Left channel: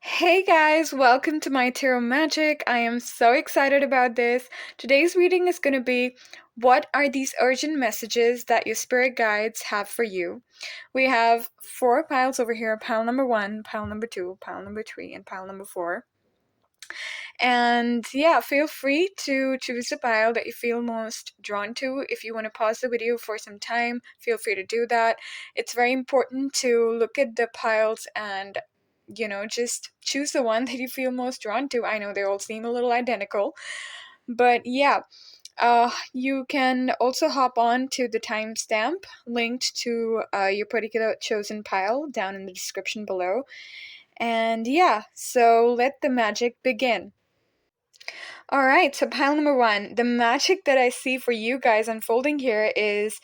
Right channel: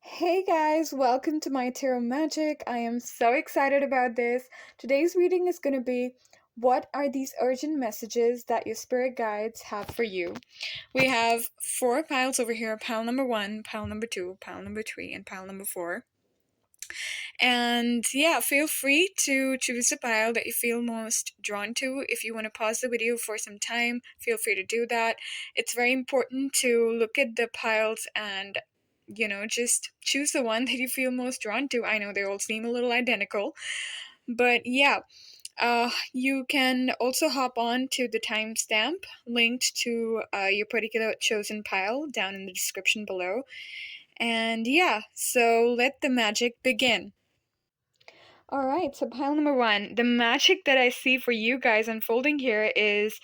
Hey guys, welcome to my tarot magic. I am so excited about this. Today's reading is going to be what are these urgent messages that your spirit guides have for you? We have four piles over here, pile number 1, pile number 2, pile number 3, and pile number 4. And yeah, feel free to choose a pile that you feel most drawn to. If you want to pause the video for some time, feel free to do that. It's very important to look at the piles and just choose the one that you feel most drawn to. I know they all seem a little identical, but yeah, you can also hop on to the timestamp linked to your particular chosen pile down in the description below. And yeah, so let the magic begin. All right, so pile number 1. The magic that I see for you guys unfolding here is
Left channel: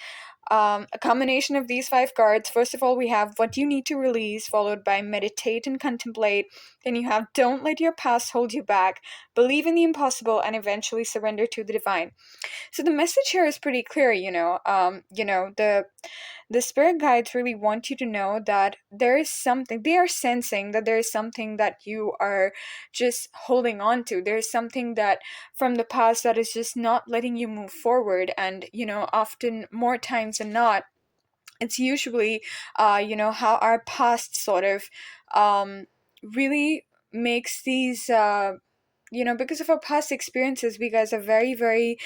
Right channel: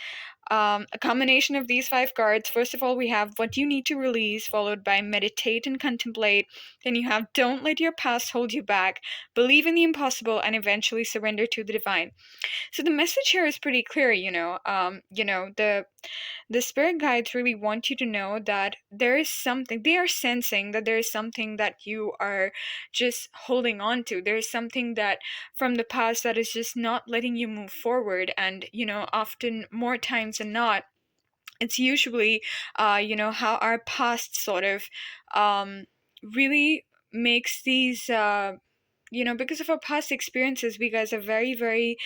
a combination of these 5 cards. First of all, we have what you need to release, followed by meditate and contemplate. Then you have don't let your past hold you back, believe in the impossible, and eventually surrender to the divine. So the message here is pretty clear, the spirit guides really want you to know that there is something, they are sensing that there is something that you are just holding on to. There's something that from the past that is just not letting you move forward. And, often more times than not, it's usually, how our past sort of really makes these. Because of our past experiences, we guys are very, very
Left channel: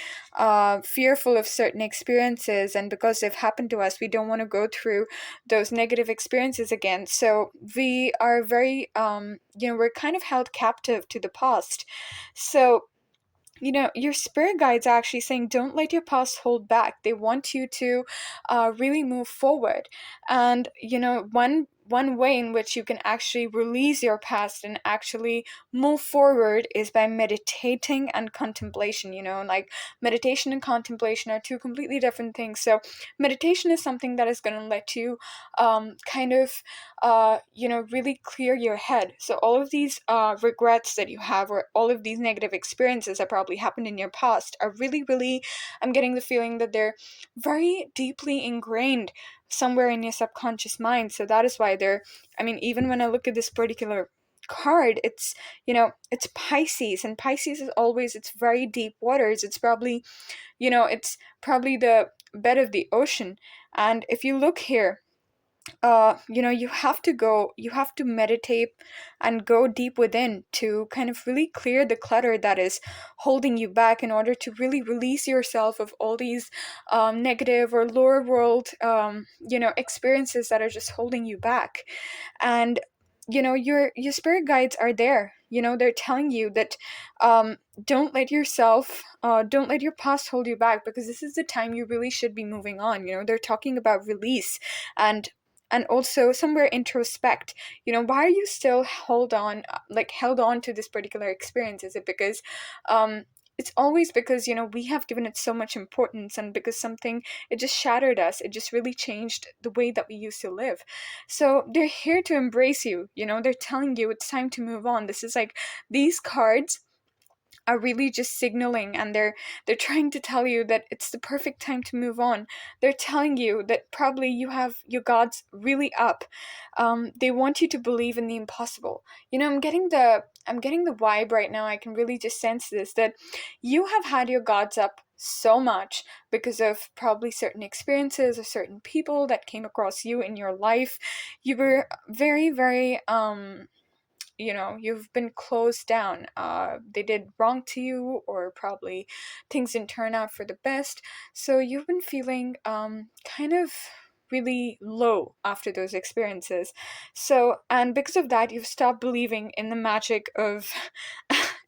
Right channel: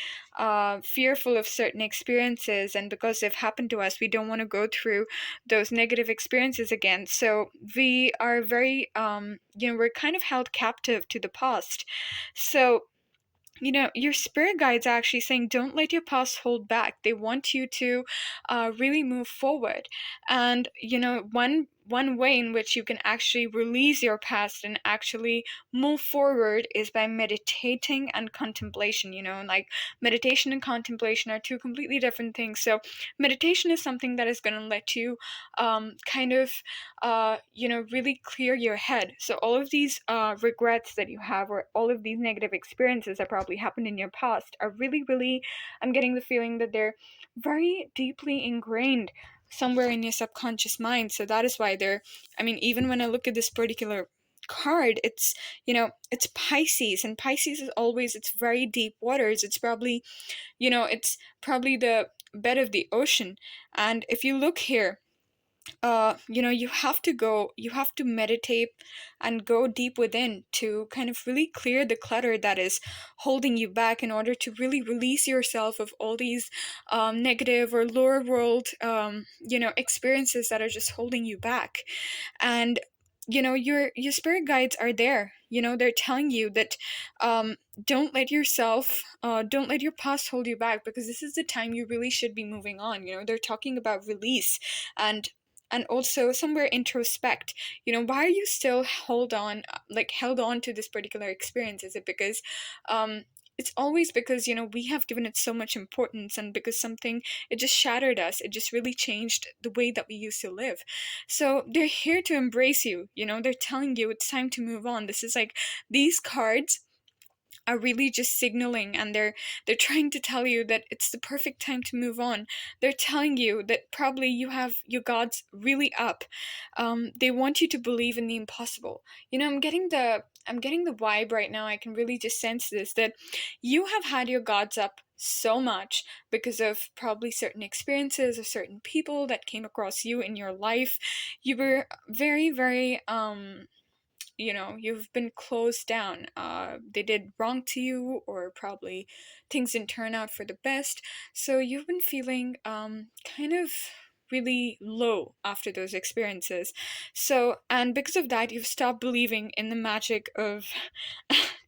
fearful of certain experiences, and because they've happened to us, we don't want to go through those negative experiences again. So we are very, we're kind of held captive to the past. So your spirit guides are actually saying don't let your past hold back. They want you to really move forward. And one way in which you can actually release your past and actually move forward is by meditating and contemplation. Like meditation and contemplation are two completely different things. So meditation is something that is going to let you kind of really clear your head. So all of these regrets that you have, or all of these negative experiences that probably happened in your past, are really, really, I'm getting the feeling that they're very deeply ingrained somewhere in your subconscious mind. So that is why even when I look at this particular card, it's Pisces, and Pisces is always, it's very deep waters. It's probably the bed of the ocean. And if you look here, you have to meditate and go deep within to kind of really clear the clutter that is holding you back, in order to really release yourself of all these negative or lower world experiences that are just holding you back. And your spirit guides are there. They're telling you that don't let don't let your past hold you back, because this is the time you really should be moving on. They're talking about release, and also somewhere introspect. Why are you still held on to this particular experience? Is it because it's always because we have given it so much importance, and because something, it just shattered us, it just really changed the way that we used to live. So they're here to embrace you. They're telling you it's time to move on. This is like, these cards are really just signaling, and they're trying to tell you that it's the perfect time to move on. They're telling you that probably you have your gods really up. They want you to believe in the impossible. I'm getting the vibe right now. I can really just sense this, that you have had your gods up so much because of probably certain experiences or certain people that came across you in your life. You were very, very you've been closed down. They did wrong to you, or probably things didn't turn out for the best. So you've been feeling kind of really low after those experiences. So, and because of that, you've stopped believing in the magic of.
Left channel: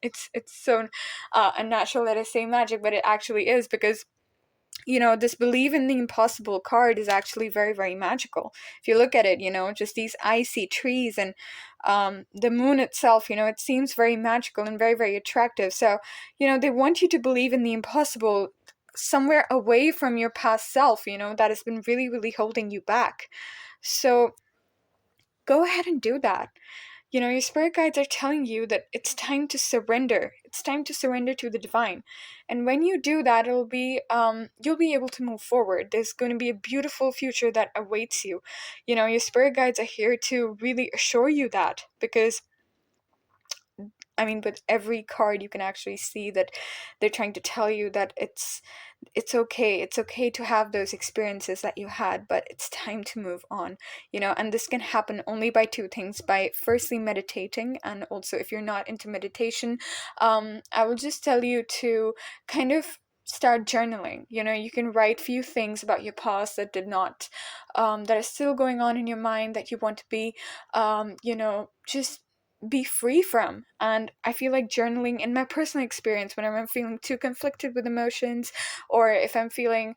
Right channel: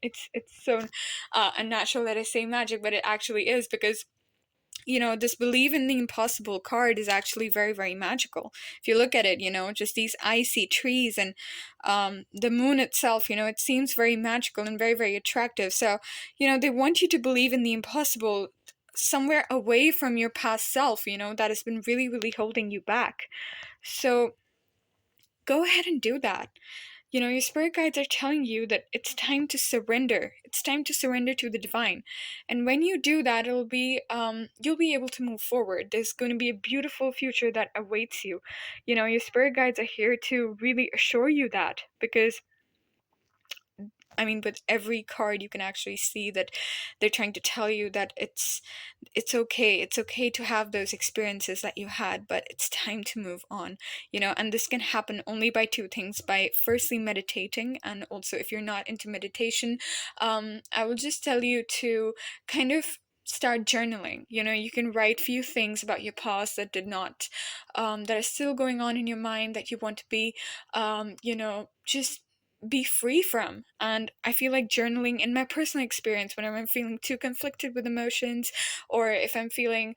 It's so unnatural that I say magic, but it actually is, because this believe in the impossible card is actually very, very magical. If you look at it, just these icy trees and the moon itself, it seems very magical and very, very attractive. So, they want you to believe in the impossible somewhere away from your past self, that has been really, really holding you back. So, go ahead and do that. Your spirit guides are telling you that it's time to surrender. It's time to surrender to the divine. And when you do that, you'll be able to move forward. There's going to be a beautiful future that awaits you. Your spirit guides are here to really assure you that, because I mean, with every card you can actually see that they're trying to tell you that it's okay. It's okay to have those experiences that you had, but it's time to move on, you know. And this can happen only by two things: by firstly meditating, and also if you're not into meditation, I will just tell you to kind of start journaling. You know, you can write few things about your past that did not that are still going on in your mind, that you want to be you know, just be free from. And I feel like journaling, in my personal experience, whenever I'm feeling too conflicted with emotions, or if I'm feeling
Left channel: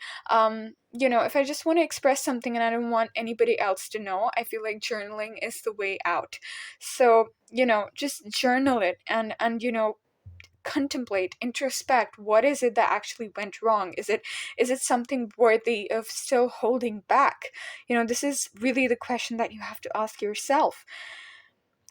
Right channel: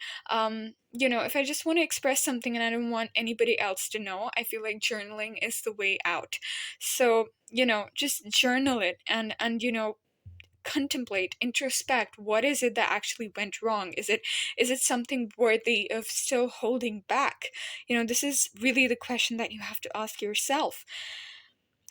you know, if I just want to express something and I don't want anybody else to know, I feel like journaling is the way out. So, you know, just journal it, and you know, contemplate, introspect, what is it that actually went wrong? Is it something worthy of still holding back? You know, this is really the question that you have to ask yourself.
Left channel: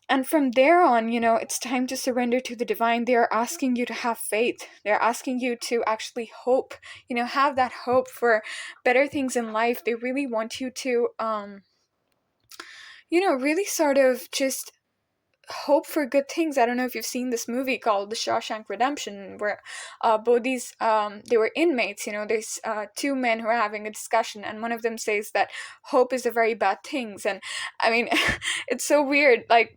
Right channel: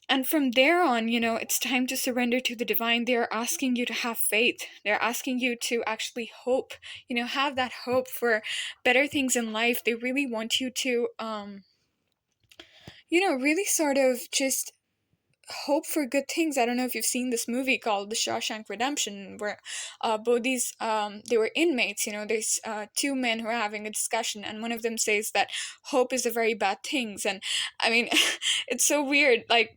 And from there on, you know, it's time to surrender to the divine. They are asking you to have faith. They're asking you to actually hope, you know, have that hope for better things in life. They really want you to you know, really sort of just hope for good things. I don't know if you've seen this movie called The Shawshank Redemption, where both these they were inmates. You know, there's two men who are having a discussion, and one of them says that hope is a very bad thing. And I mean, it's so weird. Like,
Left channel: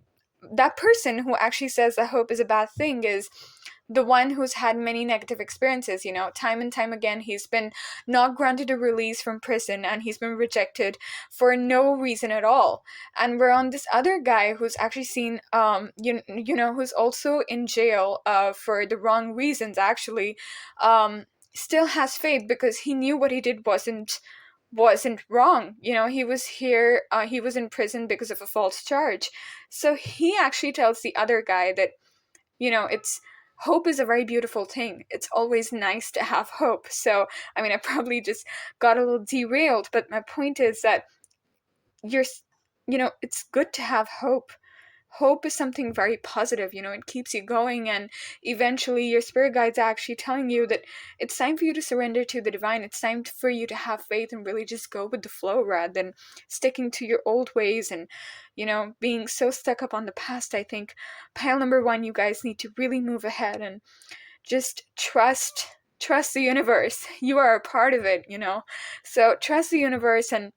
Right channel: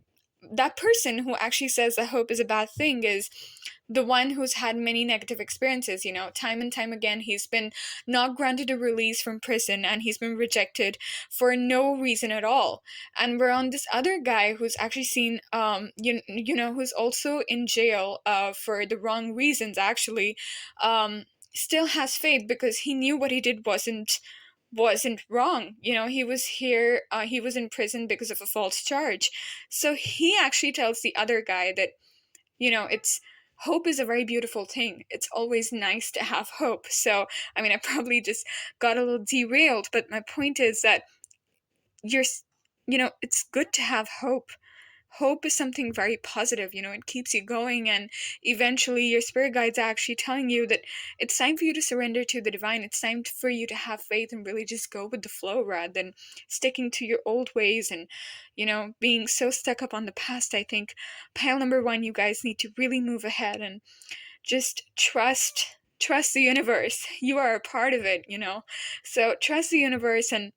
that person who actually says that hope is a bad thing is the one who's had many negative experiences. You know, time and time again, he's been not granted a release from prison, and he's been rejected for no reason at all. And we're on this other guy who's actually seen you know, who's also in jail for the wrong reasons, actually, still has faith because he knew what he did wasn't wrong. You know, he was here, he was in prison because of a false charge. So he actually tells the other guy that, you know, it's hope is a very beautiful thing. It's always nice to have hope. So, I mean, I probably just got a little derailed, but my point is that you're, you know, it's good to have hope. Hope is something very positive, you know, it keeps you going, and eventually your spirit guides are actually telling you that it's time for you to surrender to the divine. It's time for you to have faith and really just go with the flow rather than sticking to your old ways and, you know, being so stuck up on the past. I think pile number one, you guys need to really move ahead and just trust the universe. You are a part of it, you know. So trust the universe, and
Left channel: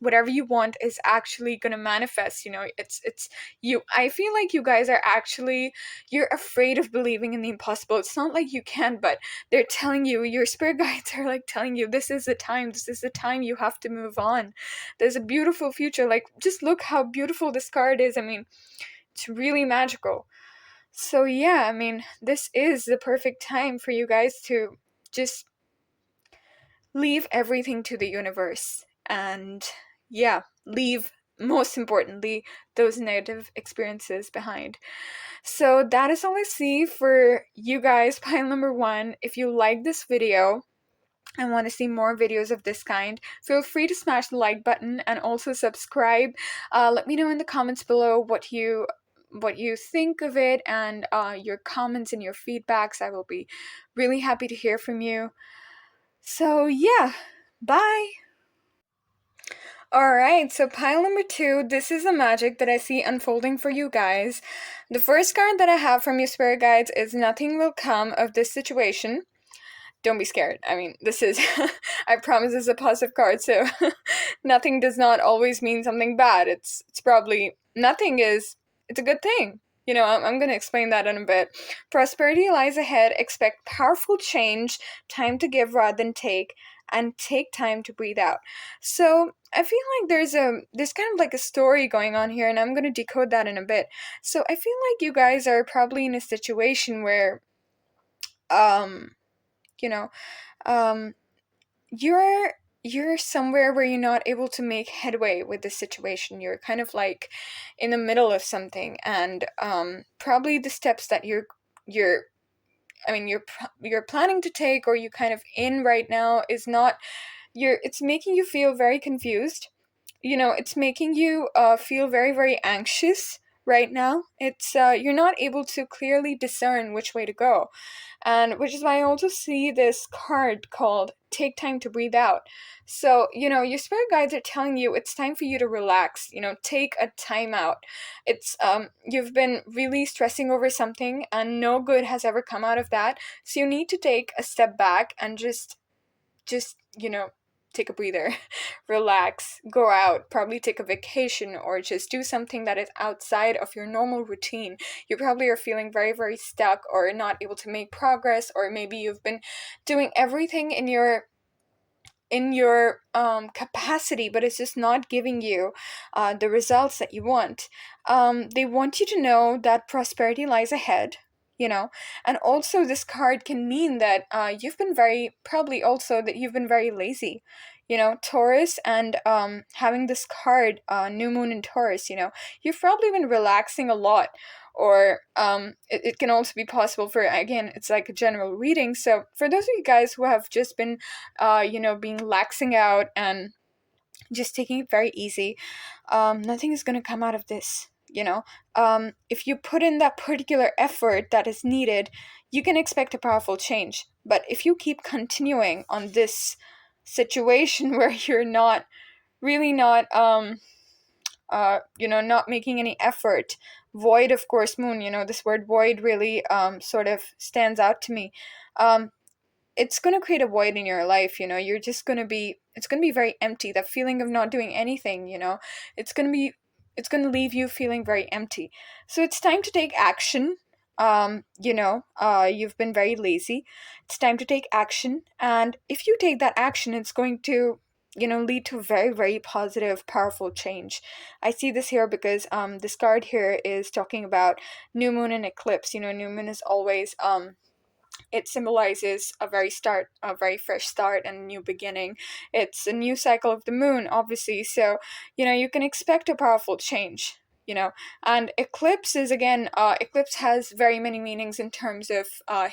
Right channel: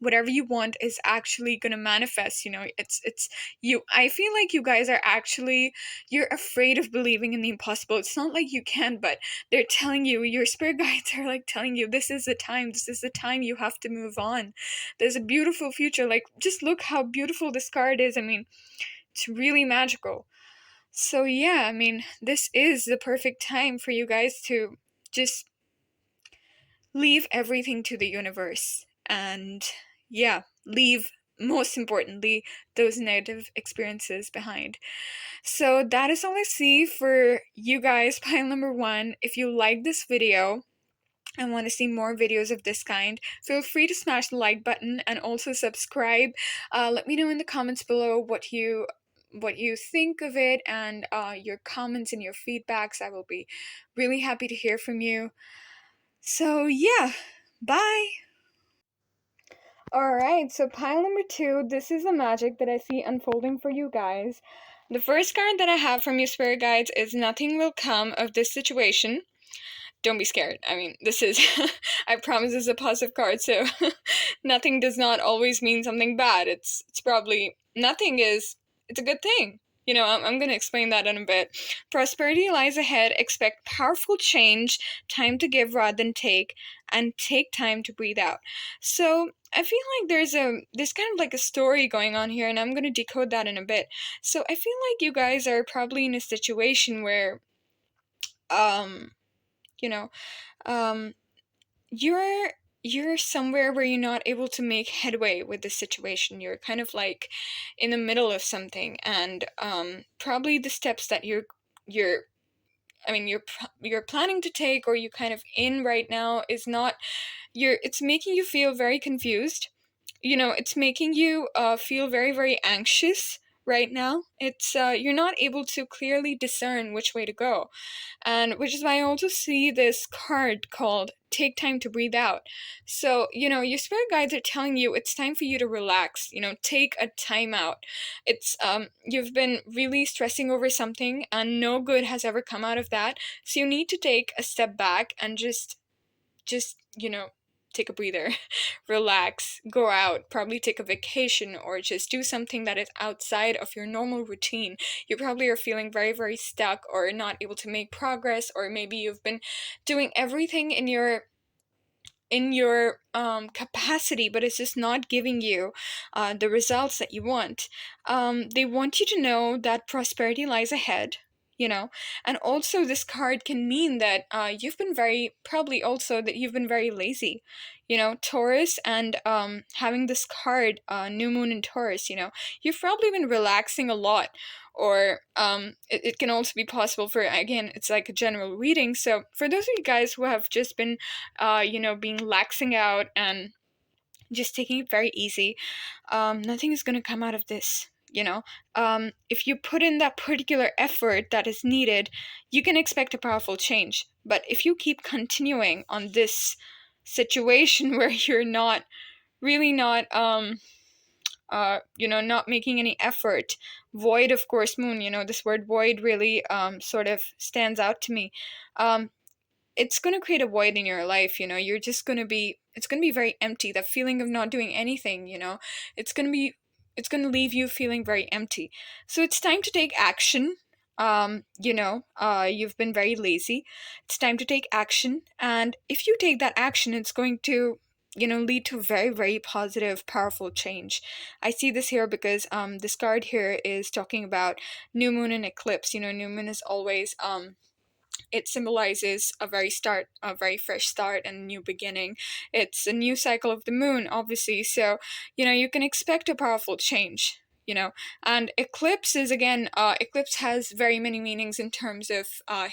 whatever you want is actually going to manifest. You know, it's you. I feel like you guys are actually, you're afraid of believing in the impossible. It's not like you can, but they're telling you, your spirit guides are like telling you, this is the time, this is the time you have to move on. There's a beautiful future. Like, just look how beautiful this card is. I mean, it's really magical. So yeah, I mean, this is the perfect time for you guys to just leave everything to the universe, and yeah, leave, most importantly, those negative experiences behind. So that is all I see for you guys. Pile number one, if you like this video and want to see more videos of this kind, feel free to smash the like button and also subscribe. Let me know in the comments below what you think of it, and your comments and your feedbacks. I will be really happy to hear from you. So yeah, bye! Alright, so pile number two, this is the magic that I see unfolding for you guys. The first card that I have from your spirit guides is nothing will come of this situation. Don't be scared. I mean, this is, I promise this is a positive card, so nothing does not always mean something bad. It's probably, nothing is, it's a good thing. You know, I'm going to explain that in a bit. Prosperity lies ahead. Expect powerful change, time to give rather than take, and take time to breathe out. So I feel like there's kind of like a story going on here, and I'm going to decode that in a bit. So I feel like you guys are probably in a situation where, you know, um, you're somewhere where you're not able to make headway with the situation. You're kind of like in the middle of something, and probably the steps that you're I mean you're planning to take, or you kind of in right now, is not, it's making you feel very confused. You know, it's making you feel very, very anxious right now. It's you're not able to clearly discern which way to go. And which is why I also see this card called Take Time to Breathe Out. So, your spirit guides are telling you it's time for you to relax, take a time out. It's you've been really stressing over something and no good has ever come out of that. So you need to take a step back and just take a breather, relax, go out, probably take a vacation or just do something that is outside of your normal routine. You probably are feeling very, very stuck or not able to make progress, or maybe you've been doing everything in your capacity, but it's just not giving you the results that you want. They want you to know that prosperity lies ahead, and also this card can mean that you've been very, probably also that you've been very lazy. Taurus, and having this card, New Moon in Taurus, you've probably been relaxing a lot, or it can also be possible for, again, it's like a general reading. So for those of you guys who have just been being laxing out and just taking it very easy, nothing is going to come out of this. If you put in that particular effort that is needed, you can expect a powerful change. But if you keep continuing on this situation where you're not really not not making any effort, void, of course, moon, this word void really sort of stands out to me. um it's going to create a void in your life. You're just going to be, it's going to be very empty, that feeling of not doing anything. It's going to be, it's going to leave you feeling very empty. So it's time to take action. You've been very lazy. It's time to take action, and if you take that action, it's going to lead to very, very positive, powerful change. I see this here because this card here is talking about new moon and eclipse. New moon is always it symbolizes a very fresh start and a new beginning. It's a new cycle of the moon, obviously. So, you can expect a powerful change. And eclipse is, again, eclipse has very many meanings in terms of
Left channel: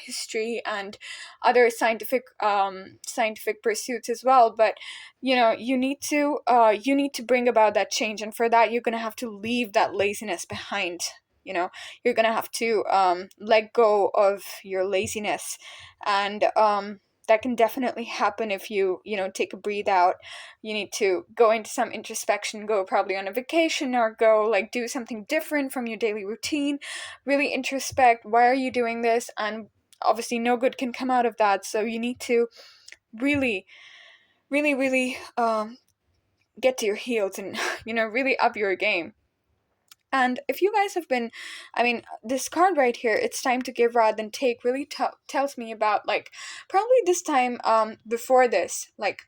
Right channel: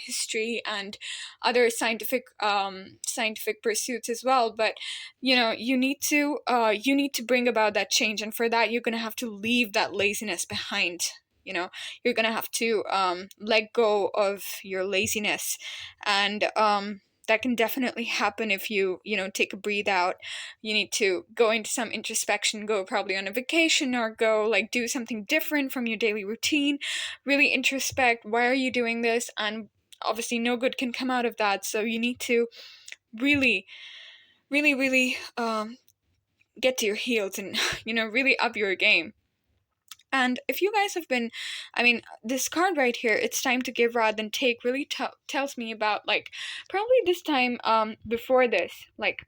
history and other scientific pursuits as well. But you need to bring about that change, and for that you're gonna have to leave that laziness behind. You're gonna have to let go of your laziness, and that can definitely happen if you take a breathe out. You need to go into some introspection, go probably on a vacation, or go like do something different from your daily routine. Really introspect, why are you doing this? And obviously no good can come out of that, so you need to really, really, really get to your heels and really up your game. And if you guys have been, I mean, this card right here, it's time to give rather than take, really tells me about, like, probably this time before this, like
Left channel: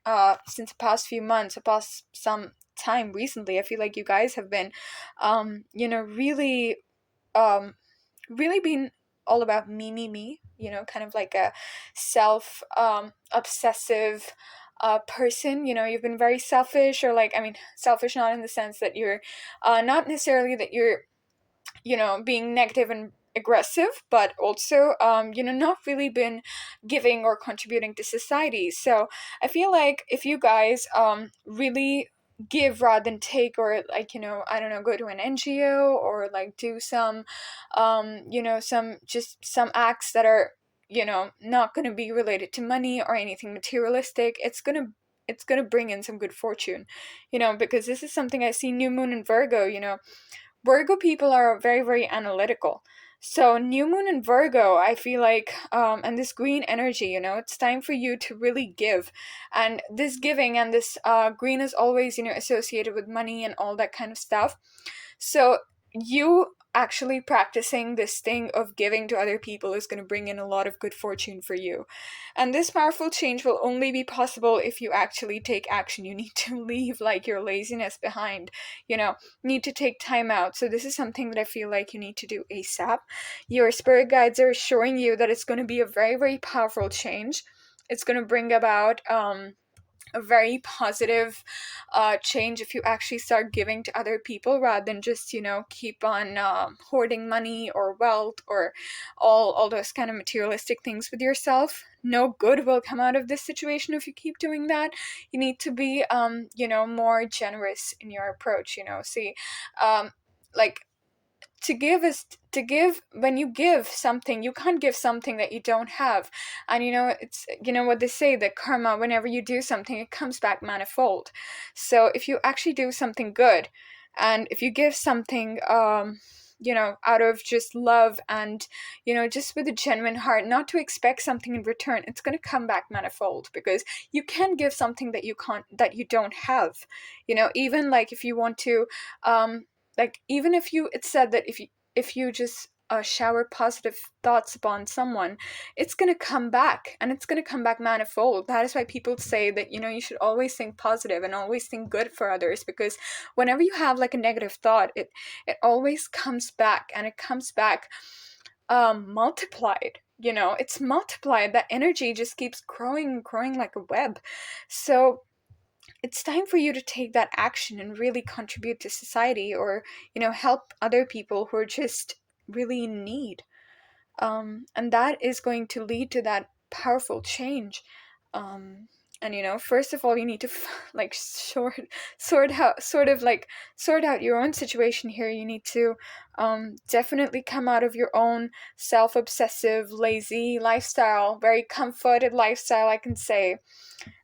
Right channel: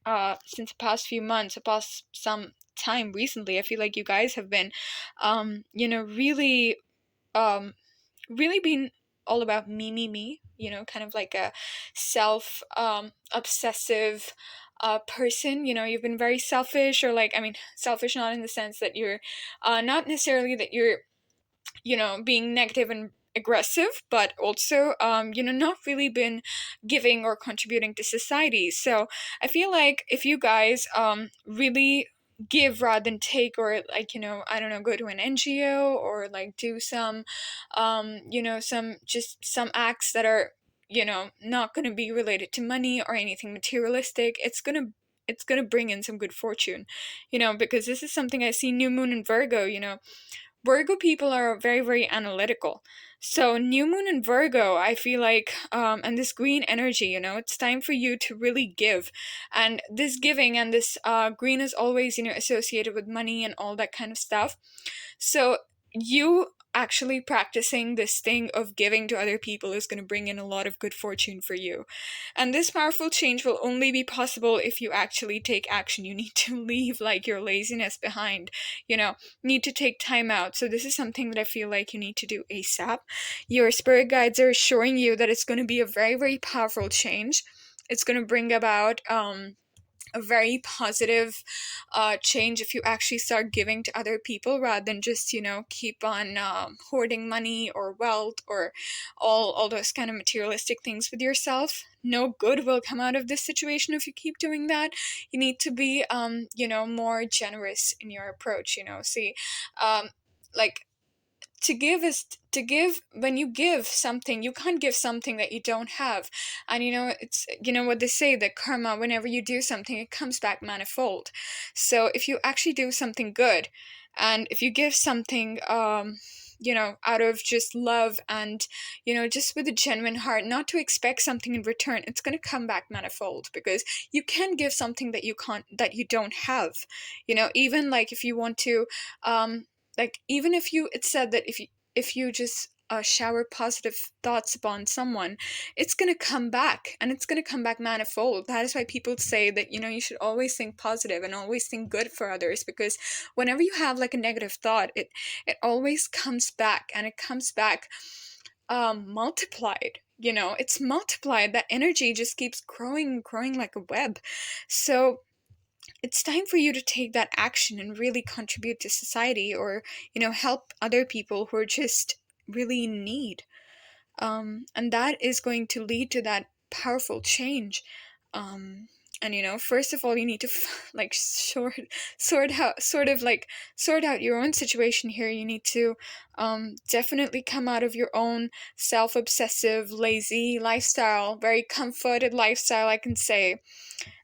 since the past few months, past some time recently, I feel like you guys have been really um really been all about me, kind of like a self obsessive person. You've been very selfish, or like, I mean, selfish not in the sense that you're not necessarily that you're being negative and aggressive, but also not really been giving or contributing to society. So I feel like if you guys really give rather than take, or like, I don't know, go to an NGO, or like do some some acts that are not going to be related to money or anything materialistic, it's gonna bring in some good fortune. Because this is something I see new moon in Virgo. Virgo people are very, very analytical. So, new moon in Virgo, I feel like, and this green energy, it's time for you to really give. And this giving and this green is always, associated with money and all that kind of stuff. So you actually practicing this thing of giving to other people is going to bring in a lot of good fortune for you. And this powerful change will only be possible if you actually take action. You need to leave like your laziness behind, need to take time out. So this is something that I feel like you need to do ASAP. Your spirit guides are assuring you that it's going to be a very, very powerful change. It's going to bring about a very positive change if you actually start giving to other people rather than just keep on hoarding money or wealth or all those kind of materialistic things with yourself. No good will come out of this situation if you keep doing that. You need to be more generous in your approach. See, like, To give is to give. When you give something, you can't give something that you don't have. And it's, what they say, that karma, whenever you do something, it comes back manifold. So if you actually do something good, and if you give something, out of just love, and just with a genuine heart, not to expect something in return, it's going to come back manifold, because you can give something that you don't have. Even like if you want to, like even if you it's said that if you just shower positive thoughts upon someone, it's going to come back, and it's going to come back manifold. That is why people say that you should always think positive and always think good for others, because whenever you have like a negative thought, it always comes back, and it comes back multiplied. It's multiplied. That energy just keeps growing and growing like a web. So it's time for you to take that action and really contribute to society, or help other people who are just really in need. And that is going to lead to that powerful change. um, and first of all, you need to like sort out your own situation here. You need to definitely come out of your own self-obsessive, lazy lifestyle, very comforted lifestyle, I can say,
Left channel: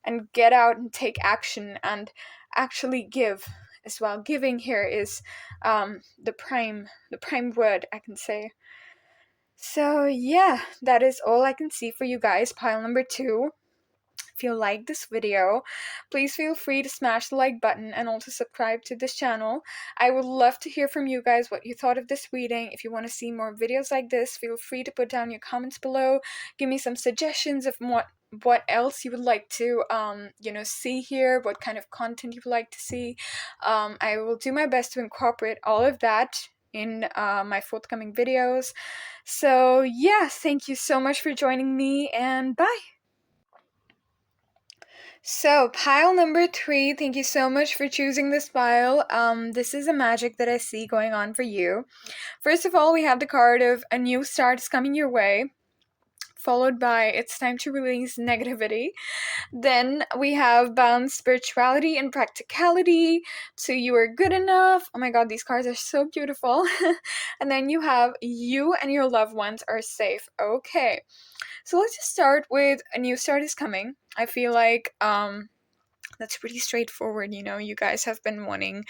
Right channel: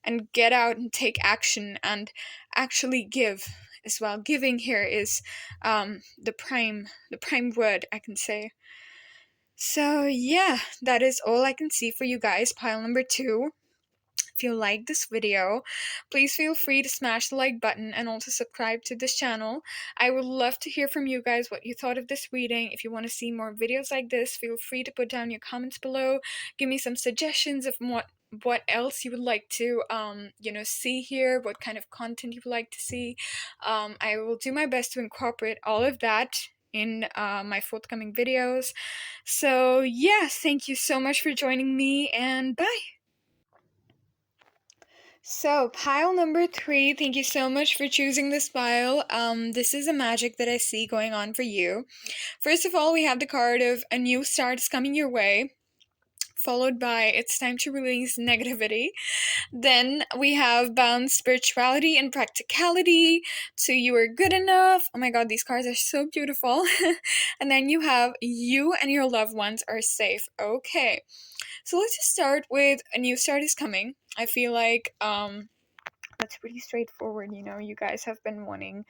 and get out and take action and actually give as well. Giving here is the prime word, I can say. So yeah, that is all I can see for you guys. Pile number 2. If you like this video, please feel free to smash the like button and also subscribe to this channel. I would love to hear from you guys what you thought of this reading. If you want to see more videos like this, feel free to put down your comments below. Give me some suggestions of what else you would like to see here, what kind of content you would like to see. I will do my best to incorporate all of that in my forthcoming videos. So yeah, thank you so much for joining me, and bye. So, pile number 3, thank you so much for choosing this pile. This is a magic that I see going on for you. First of all, we have the card of a new start is coming your way, followed by it's time to release negativity. Then we have balance, spirituality, and practicality. So you are good enough. Oh my god, these cards are so beautiful. And then you have you and your loved ones are safe. Okay. So let's just start with a new start is coming. I feel like that's pretty straightforward. You guys have been wanting,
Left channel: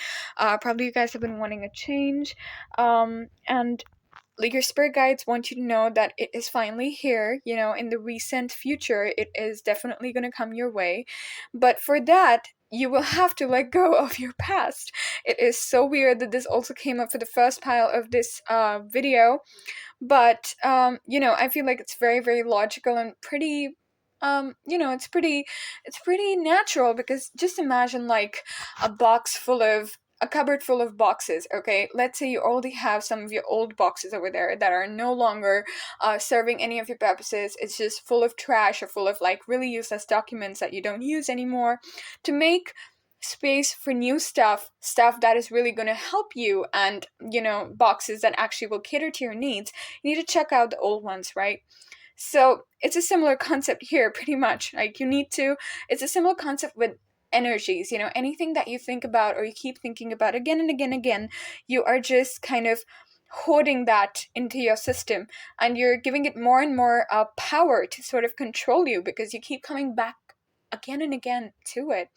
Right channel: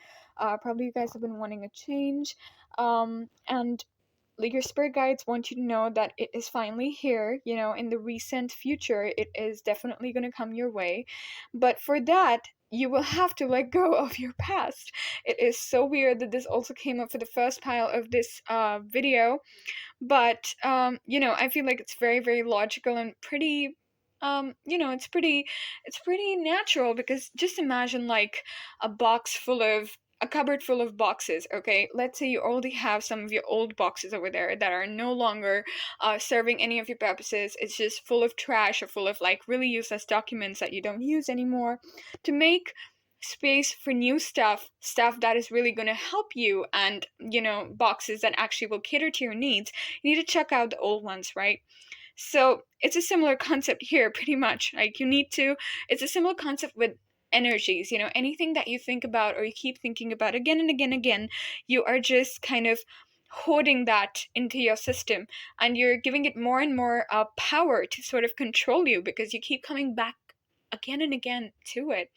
probably you guys have been wanting a change, and like your spirit guides want you to know that it is finally here. In the recent future, it is definitely going to come your way, but for that you will have to let go of your past. It is so weird that this also came up for the first pile of this video, but I feel like it's very, very logical and pretty, it's pretty natural, because just imagine like a cupboard full of boxes. Okay, let's say you already have some of your old boxes over there that are no longer serving any of your purposes. It's just full of trash, or full of like really useless documents that you don't use anymore. To make space for new stuff that is really going to help you, and boxes that actually will cater to your needs, you need to check out the old ones, right? So it's a similar concept here, pretty much. Like it's a similar concept with energies. Anything that you think about, or you keep thinking about again and again and again, you are just kind of hoarding that into your system, and you're giving it more and more power to sort of control you, because you keep coming back again and again to it.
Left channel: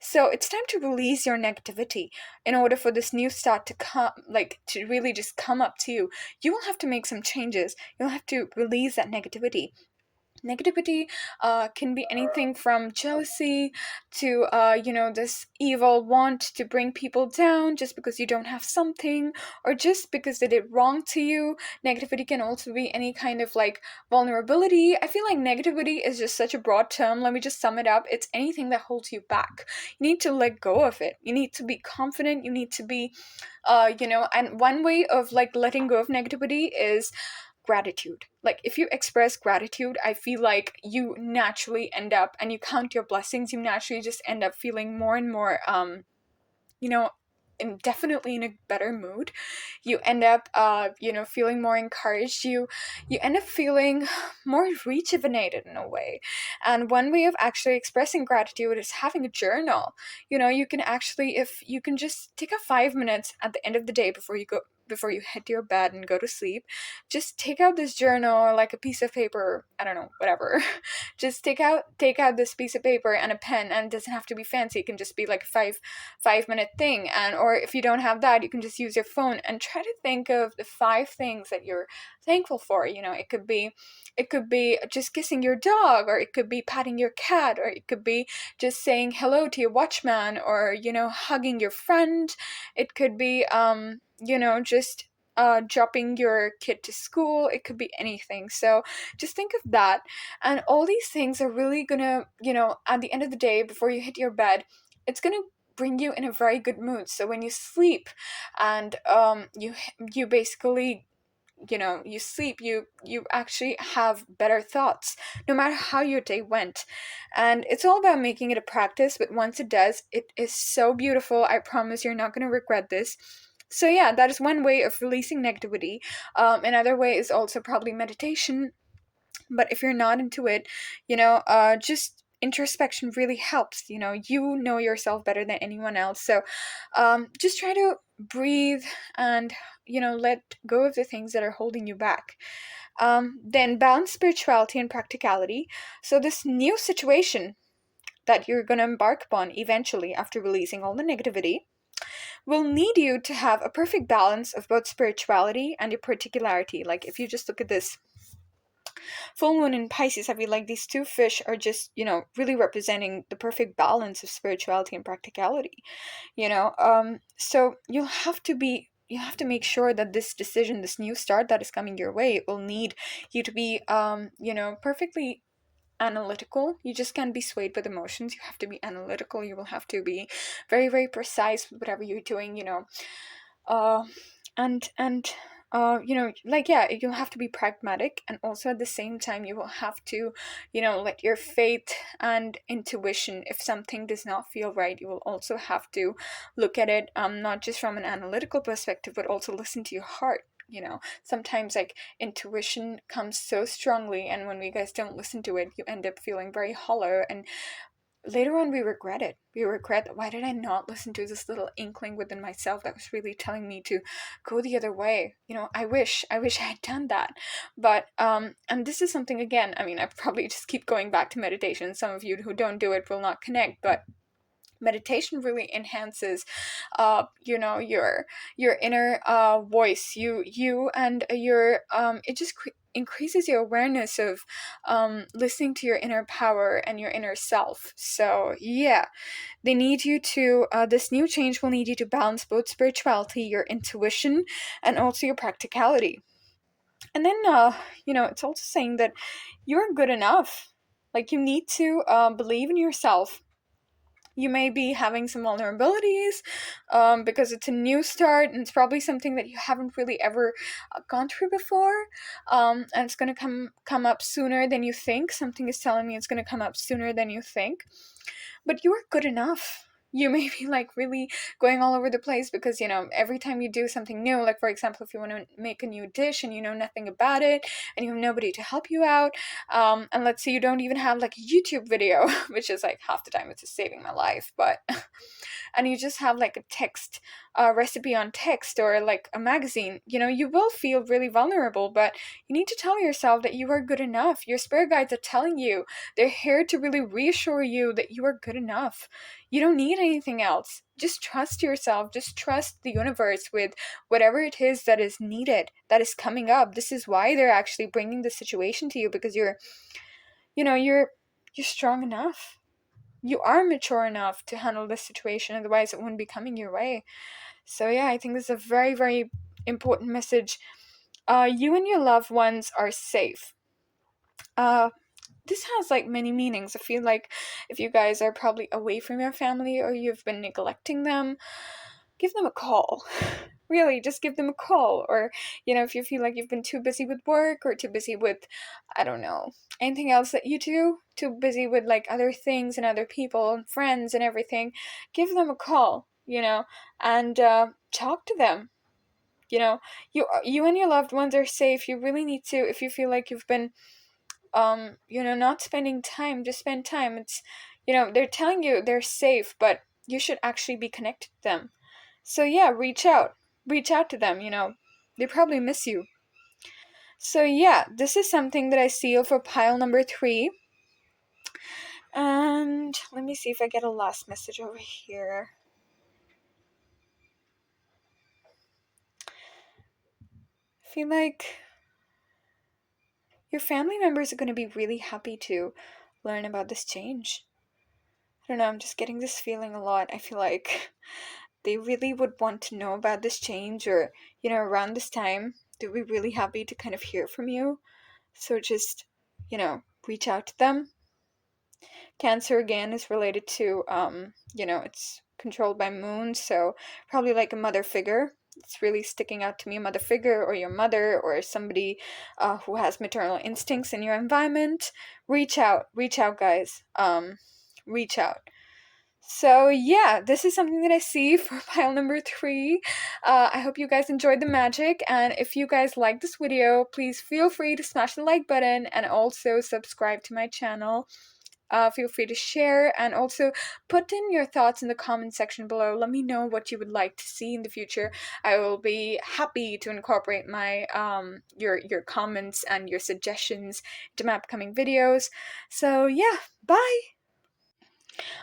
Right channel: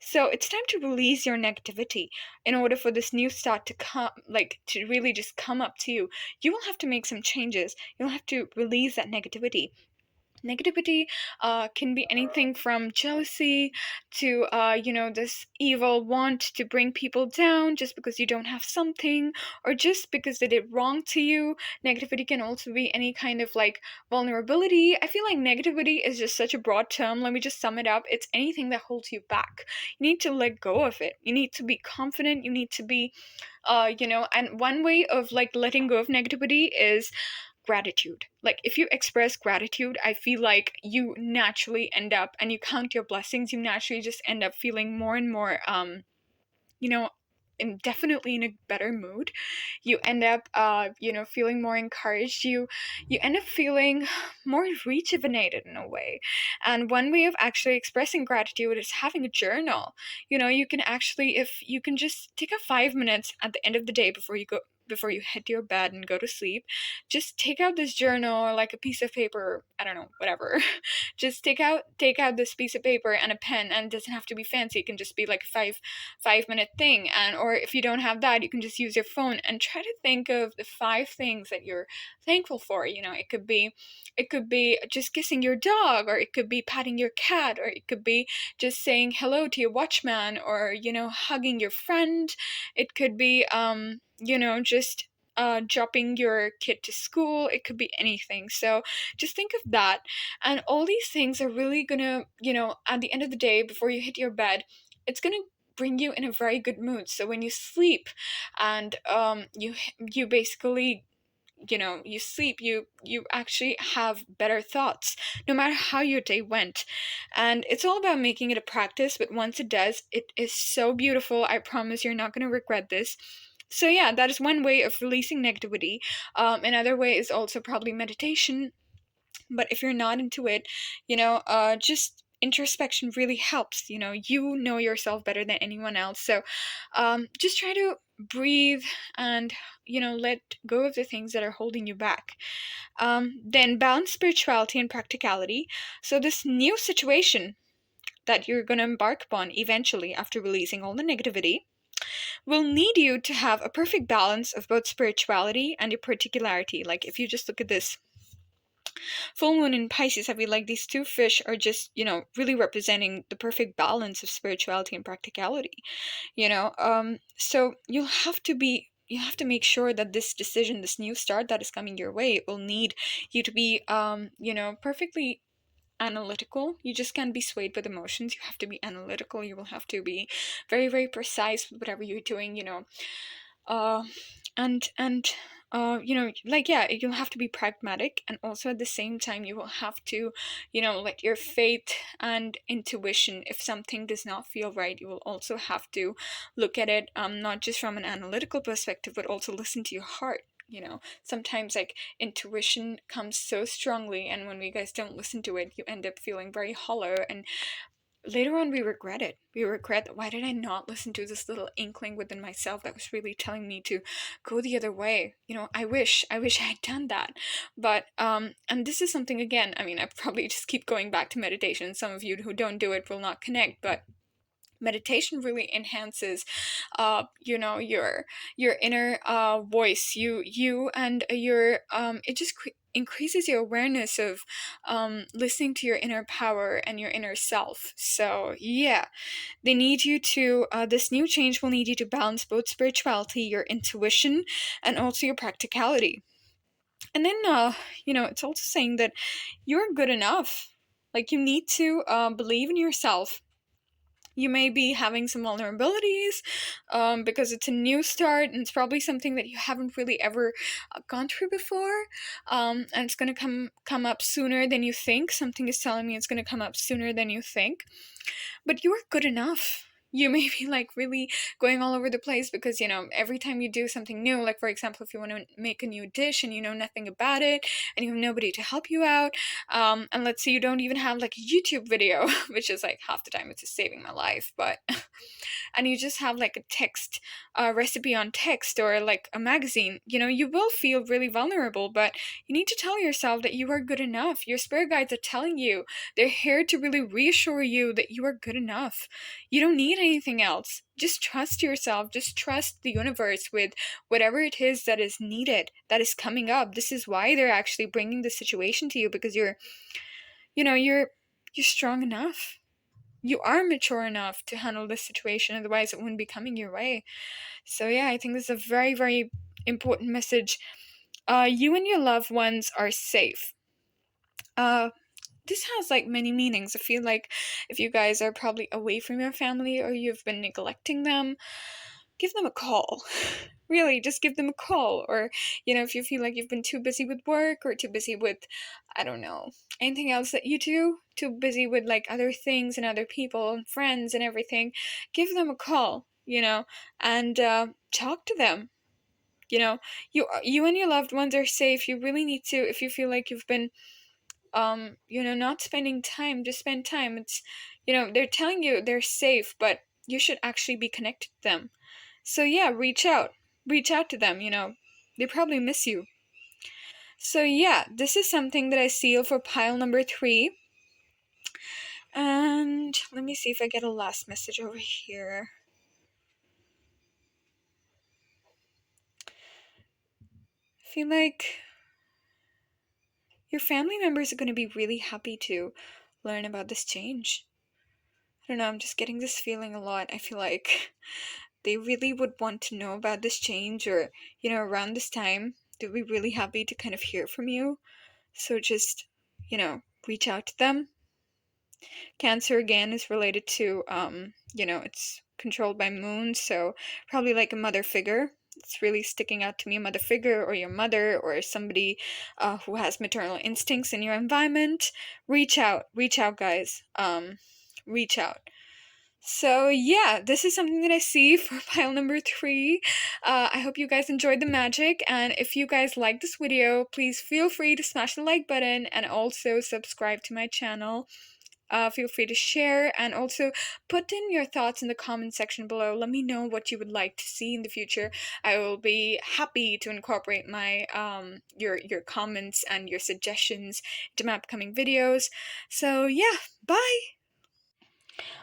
So it's time to release your negativity in order for this new start to come, like to really just come up to you. You will have to make some changes. You'll have to release that negativity. Negativity can be anything from jealousy to, this evil want to bring people down just because you don't have something, or just because they did wrong to you. Negativity can also be any kind of like vulnerability. I feel like negativity is just such a broad term. Let me just sum it up. It's anything that holds you back. You need to let go of it. You need to be confident. You need to be, and one way of like letting go of negativity is gratitude. Like if you express gratitude, I feel like you naturally end up, and you count your blessings, you naturally just end up feeling more and more you know and definitely in a better mood. You end up feeling more encouraged. You end up feeling more rejuvenated in a way. And one way of actually expressing gratitude is having a journal. You can actually, if you can just take a 5 minutes at the end of the day before you hit your bed and go to sleep, just take out this journal or like a piece of paper, I don't know, whatever. Just take out this piece of paper and a pen, and it doesn't have to be fancy. It can just be like a five minute thing. And or if you don't have that, you can just use your phone and try to think of the 5 things that you're thankful for. It could be just kissing your dog, or it could be patting your cat, or it could be just saying hello to your watchman, or hugging your friend. It could be just dropping your kid to school. It could be anything. So just think of that. And all these things are really gonna, at the end of the day, before you hit your bed, it's gonna bring you in a very good mood. So when you sleep and you basically, you sleep, you actually have better thoughts no matter how your day went. And it's all about making it a practice, but once it does, it is so beautiful. I promise you're not going to regret this. So yeah, that is one way of releasing negativity. Another way is also probably meditation. But if you're not into it, just introspection really helps. You know yourself better than anyone else. So just try to breathe and let go of the things that are holding you back. Then balance spirituality and practicality. So this new situation that you're going to embark upon eventually, after releasing all the negativity, will need you to have a perfect balance of both spirituality and your particularity. Like if you just look at this full moon in Pisces, I feel like these two fish are just, really representing the perfect balance of spirituality and practicality. So you have to make sure that this decision, this new start that is coming your way, will need you to be, perfectly analytical. You just can't be swayed with emotions. You have to be analytical. You will have to be very, very precise with whatever you're doing. Uh, and like, yeah, you'll have to be pragmatic, and also at the same time you will have to let your faith and intuition, if something does not feel right, you will also have to look at it, not just from an analytical perspective, but also listen to your heart. Sometimes like intuition comes so strongly, and when we guys don't listen to it, you end up feeling very hollow, and later on we regret it. We regret that, why did I not listen to this little inkling within myself that was really telling me to go the other way. I wish I had done that. But and this is something, again, I mean, I probably just keep going back to meditation. Some of you who don't do it will not connect, but meditation really enhances your inner voice, you and your it just increases your awareness of listening to your inner power and your inner self. So yeah, they need you to this new change will need you to balance both spirituality, your intuition, and also your practicality. And then it's also saying that you're good enough. Like, you need to believe in yourself. You may be having some vulnerabilities because it's a new start, and it's probably something that you haven't really ever gone through before, and it's going to come up sooner than you think. Something is telling me it's going to come up sooner than you think, but you're good enough. You may be like really going all over the place because every time you do something new, like for example, if you want to make a new dish and you know nothing about it and you have nobody to help you out, and let's say you don't even have like a YouTube video, which is like half the time it's just saving my life, but and you just have like a text, recipe on text, or like a magazine, you will feel really vulnerable, but you need to tell yourself that you are good enough. Your spirit guides are telling you. They're here to really reassure you that you are good enough. You don't need anything else. Just trust yourself. Just trust the universe with whatever it is that is needed, that is coming up. This is why they're actually bringing the situation to you, because you're strong enough. You are mature enough to handle this situation, otherwise it wouldn't be coming your way. So yeah, I think this is a very, very important message. You and your loved ones are safe. This has like many meanings. I feel like if you guys are probably away from your family or you've been neglecting them, give them a call. Really, just give them a call. Or, if you feel like you've been too busy with work, or too busy with, I don't know, anything else that you do, too busy with like other things and other people and friends and everything, give them a call, and talk to them. You and your loved ones are safe. You really need to, if you feel like you've been not spending time, just spend time. It's, they're telling you they're safe, but you should actually be connected to them. So yeah, reach out. reach out to them, they probably miss you. So yeah, this is something that I seal for pile number 3. And let me see if I get a last message over here. I feel like your family members are going to be really happy to learn about this change. I don't know, I'm just getting this feeling a lot. I feel like they really would want to know about this change, or, around this time, they'd be really happy to kind of hear from you. So just, reach out to them. Cancer again is related to, it's controlled by moon, so probably like a mother figure. It's really sticking out to me, a mother figure, or your mother, or somebody who has maternal instincts in your environment. Reach out, guys. Reach out. So yeah, this is something that I see for pile number 3. I hope you guys enjoyed the magic, and if you guys like this video, please feel free to smash the like button and also subscribe to my channel. Feel free to share, and also put in your thoughts in the comment section below. Let me know what you would like to see in the future. I will be happy to incorporate my your comments and your suggestions into my upcoming videos. So yeah, bye!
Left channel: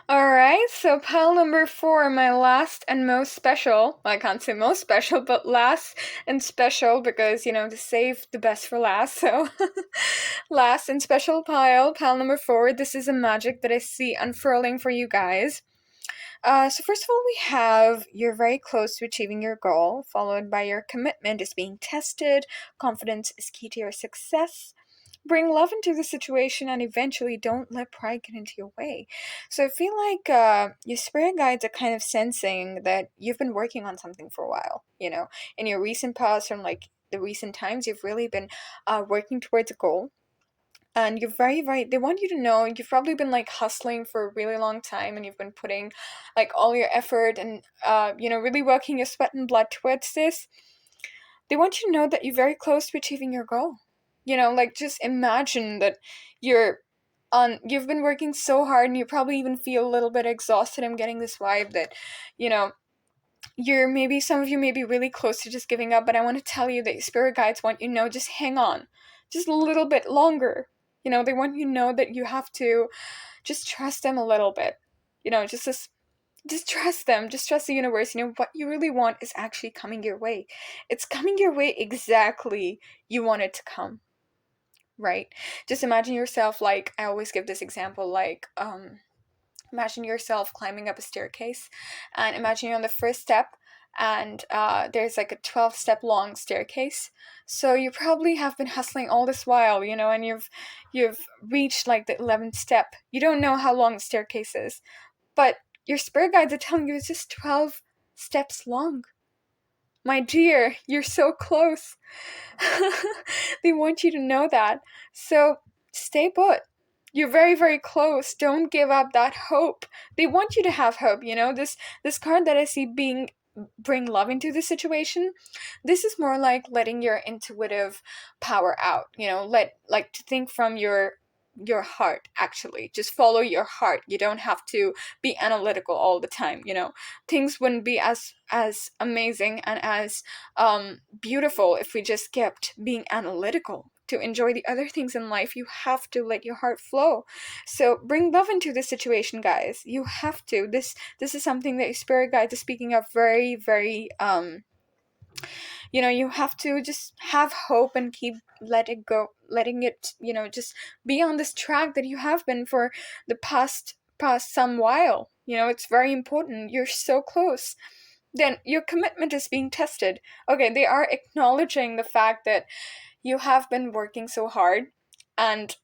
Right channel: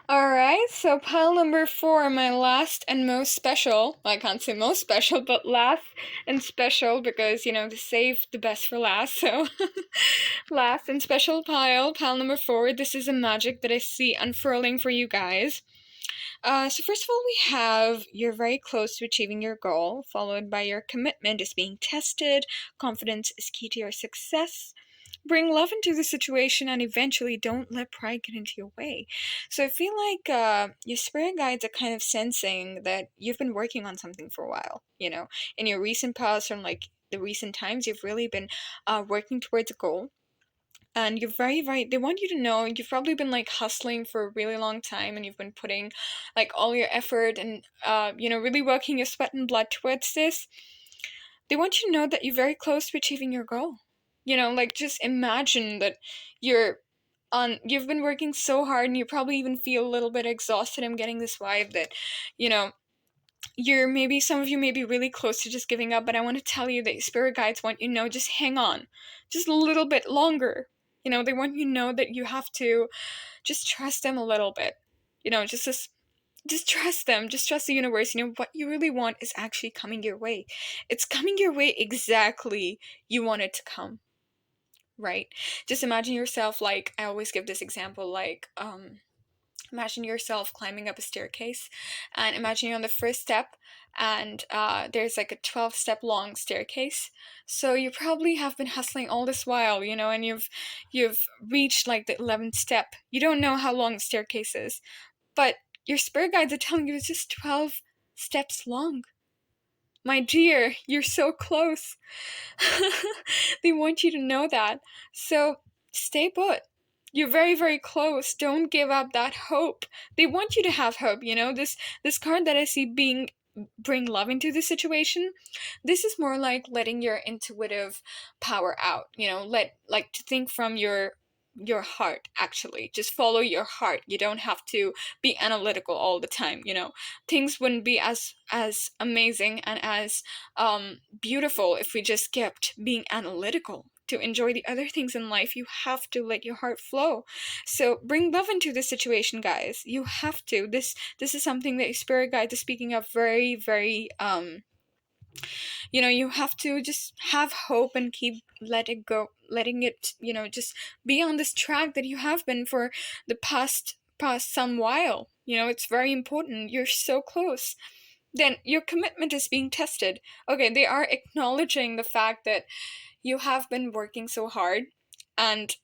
Alright, so pile number 4, my last and most special. Well, I can't say most special, but last and special, because, to save the best for last. So, last and special pile number 4. This is a magic that I see unfurling for you guys. So first of all, we have you're very close to achieving your goal, followed by your commitment is being tested, confidence is key to your success. Bring love into the situation, and eventually don't let pride get into your way. So I feel like your spirit guides are kind of sensing that you've been working on something for a while. In your recent past, or like the recent times, you've really been working towards a goal. And you're very, very, they want you to know you've probably been like hustling for a really long time, and you've been putting like all your effort and, really working your sweat and blood towards this. They want you to know that you're very close to achieving your goal. Like just imagine that you've been working so hard, and you probably even feel a little bit exhausted. I'm getting this vibe that, you know, some of you may be really close to just giving up, but I want to tell you that spirit guides want you to know, just hang on. Just a little bit longer. They want you to know that you have to just trust them a little bit. Just trust them. Just trust the universe. What you really want is actually coming your way. It's coming your way exactly you want it to come. Right? Just imagine yourself, like, I always give this example, like, imagine yourself climbing up a staircase, and imagine you're on the first step, and there's like a 12-step long staircase. So you probably have been hustling all this while, and you've reached like the 11th step. You don't know how long the staircase is, but your spirit guides are telling you it's just 12 steps long. My dear, you're so close. They want you to know that. So stay put. You're very, very close. Don't give up that hope. They want you to have hope, This card that I see bring love into the situation, this is more like letting your intuitive power out, to think from your heart. Actually, just follow your heart. You don't have to be analytical all the time. Things wouldn't be as amazing and as beautiful if we just kept being analytical. To enjoy the other things in life, you have to let your heart flow. So bring love into this situation, guys. You have to. This is something that your spirit guide is speaking of very, very you have to just have hope and keep letting it, just be on this track that you have been for the past some while. It's very important. You're so close. Then your commitment is being tested. Okay, they are acknowledging the fact that you have been working so hard, and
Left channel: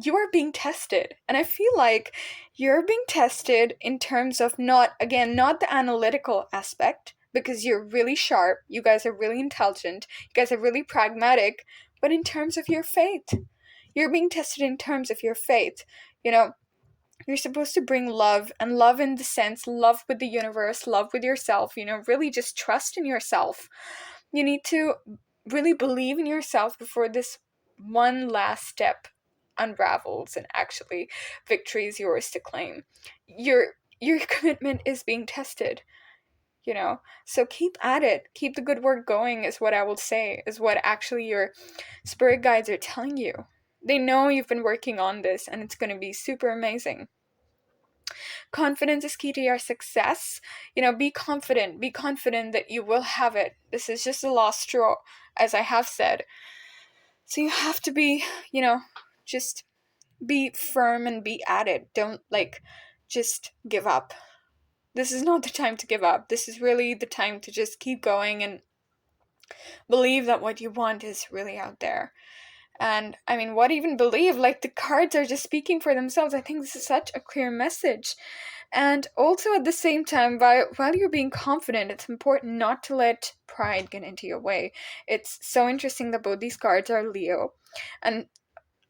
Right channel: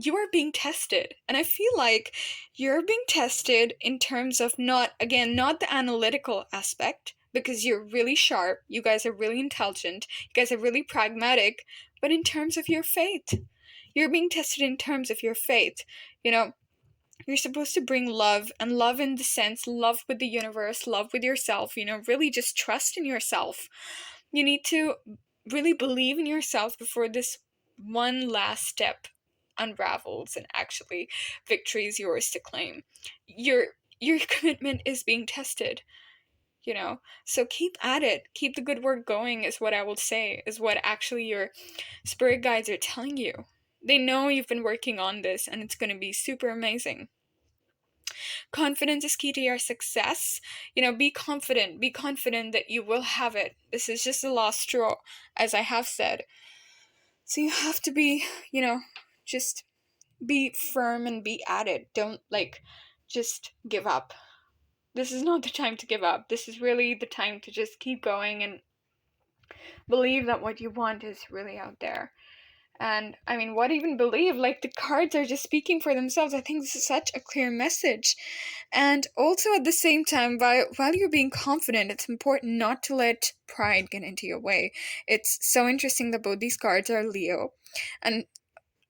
you are being tested. And I feel like you're being tested in terms of not the analytical aspect, because you're really sharp, you guys are really intelligent, you guys are really pragmatic, but in terms of your faith. You're being tested in terms of your faith. You're supposed to bring love, and love in the sense, love with the universe, love with yourself, really just trust in yourself. You need to really believe in yourself before this one last step unravels and actually victory is yours to claim. Your commitment is being tested. you know. So keep at it. Keep the good work going, is what I will say, is what actually your spirit guides are telling you. They know you've been working on this and it's going to be super amazing. Confidence is key to your success. You know, be confident. Be confident that you will have it. This is just the last straw, as I have said. So you have to be, you know, just be firm and be at it. Don't, like, just give up. This is not the time to give up. This is really the time to just keep going and believe that what you want is really out there. And I mean, what even believe? Like, the cards are just speaking for themselves. I think this is such a clear message. And also at the same time, while you're being confident, it's important not to let pride get into your way. It's so interesting that both these cards are Leo. And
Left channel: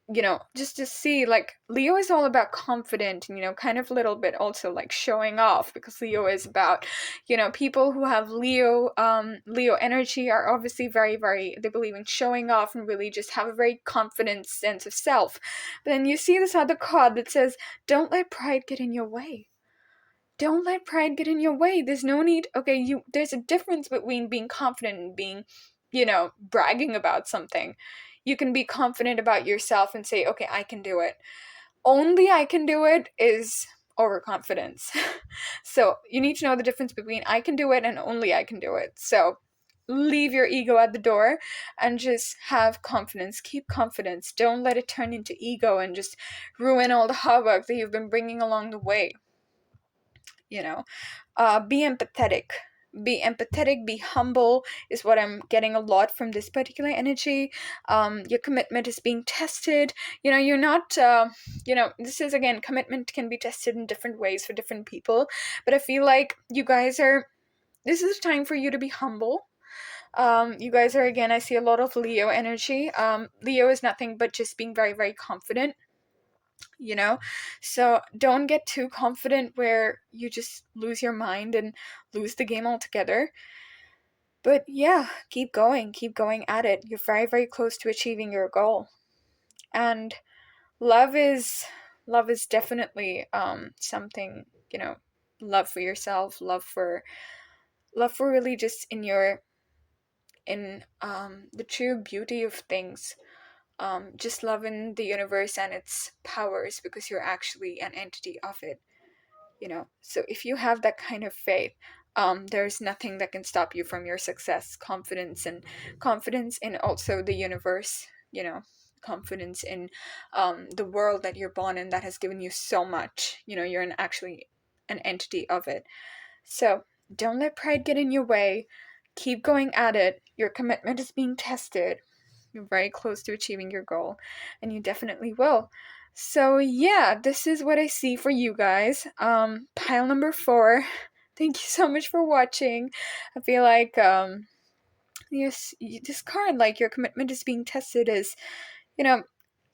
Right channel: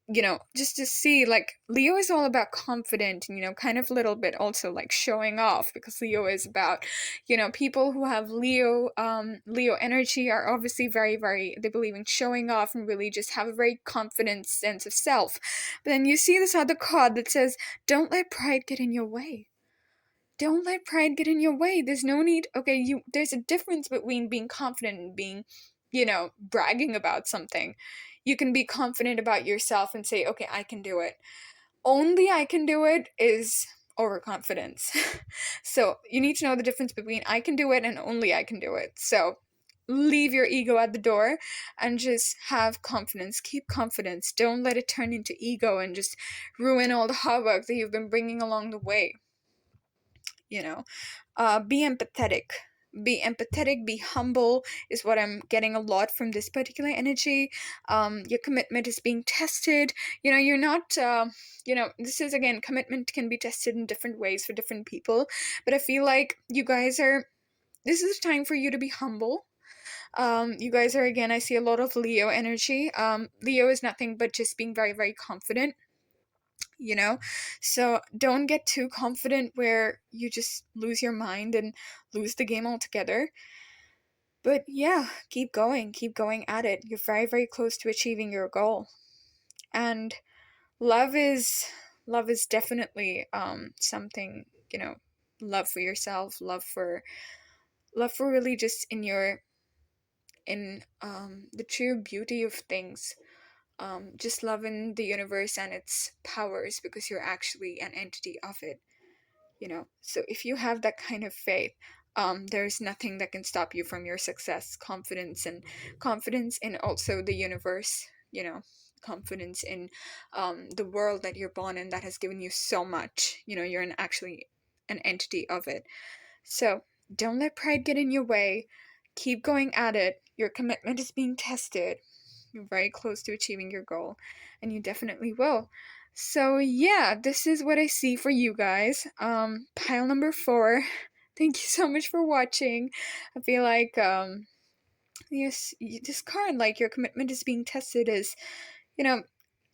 you know, just to see, like, Leo is all about confident and, you know, kind of a little bit also like showing off, because Leo is about, you know, people who have Leo energy are obviously very, they believe in showing off and really just have a very confident sense of self. But then you see this other card that says, don't let pride get in your way. Don't let pride get in your way. There's no need. Okay, there's a difference between being confident and being, you know, bragging about something. You can be confident about yourself and say, okay, I can do it. Only I can do it is overconfidence. So you need to know the difference between I can do it and only I can do it. So leave your ego at the door and just have confidence. Keep confidence. Don't let it turn into ego and just ruin all the hard work that you've been bringing along the way. You know, be empathetic. Be empathetic, be humble, is what I'm getting a lot from this particular energy. Your commitment is being tested. You know, you're not, you know, this is, again, commitment can be tested in different ways for different people. But I feel like you guys are, this is a time for you to be humble. You guys are, again, I see a lot of Leo energy. Leo is nothing but just being very confident, you know. So don't get too confident where you just lose your mind and lose the game altogether. But yeah, keep going at it. You're very close to achieving your goal. And love is definitely something, you know, love for yourself, love for really just in your, in the true beauty of things. Just loving the universe and its powers, because you're actually an entity of it, you know. So if you have that kind of faith, there's nothing that can stop you from your success. Confidence in also the universe, you know, confidence in the world that you're born in, that has given you so much. You know, you're actually an entity of it. So don't let pride get in your way. Keep going at it. Your commitment is being tested. You're very close to achieving your goal, and you definitely will. So yeah, this is what I see for you guys. Pile number 4. Thank you so much for watching. I feel like yes, this card, like, your commitment is being tested, is, you know,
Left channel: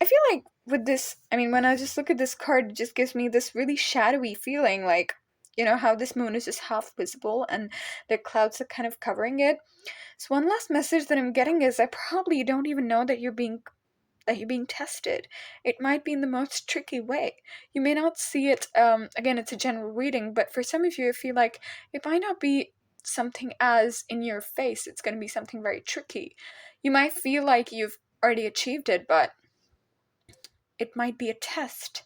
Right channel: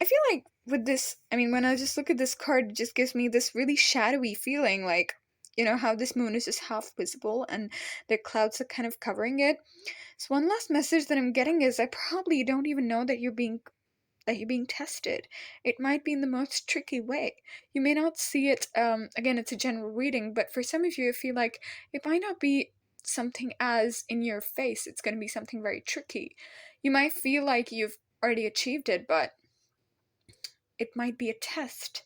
I feel like with this, I mean, when I just look at this card, it just gives me this really shadowy feeling, like, you know, how this moon is just half visible and the clouds are kind of covering it. So one last message that I'm getting is, I probably don't even know that you're being tested. It might be in the most tricky way. You may not see it, again, it's a general reading, but for some of you, I feel like it might not be something as in your face. It's going to be something very tricky. You might feel like you've already achieved it, but it might be a test.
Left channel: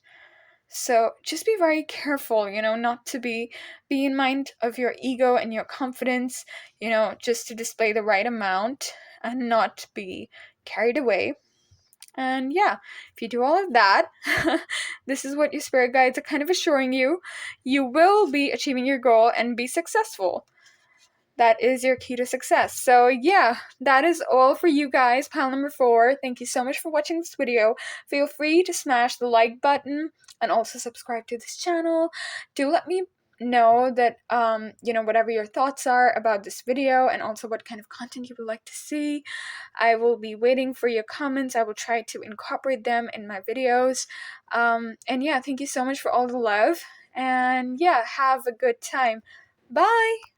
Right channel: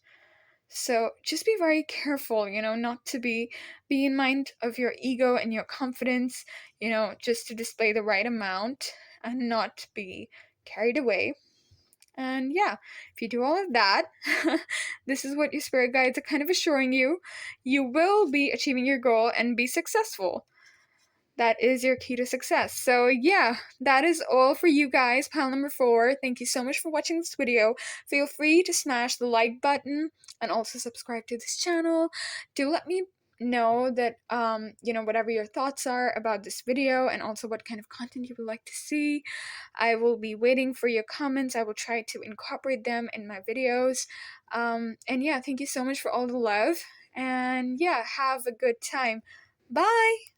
So just be very careful, you know, not to be in mind of your ego and your confidence, you know, just to display the right amount and not be carried away. And yeah, if you do all of that, this is what your spirit guides are kind of assuring you. You will be achieving your goal and be successful. That is your key to success. So yeah, that is all for you guys. Pile number 4. Thank you so much for watching this video. Feel free to smash the like button and also subscribe to this channel. Do let me know that, you know, whatever your thoughts are about this video, and also what kind of content you would like to see. I will be waiting for your comments. I will try to incorporate them in my videos. And yeah, thank you so much for all the love. And yeah, have a good time. Bye!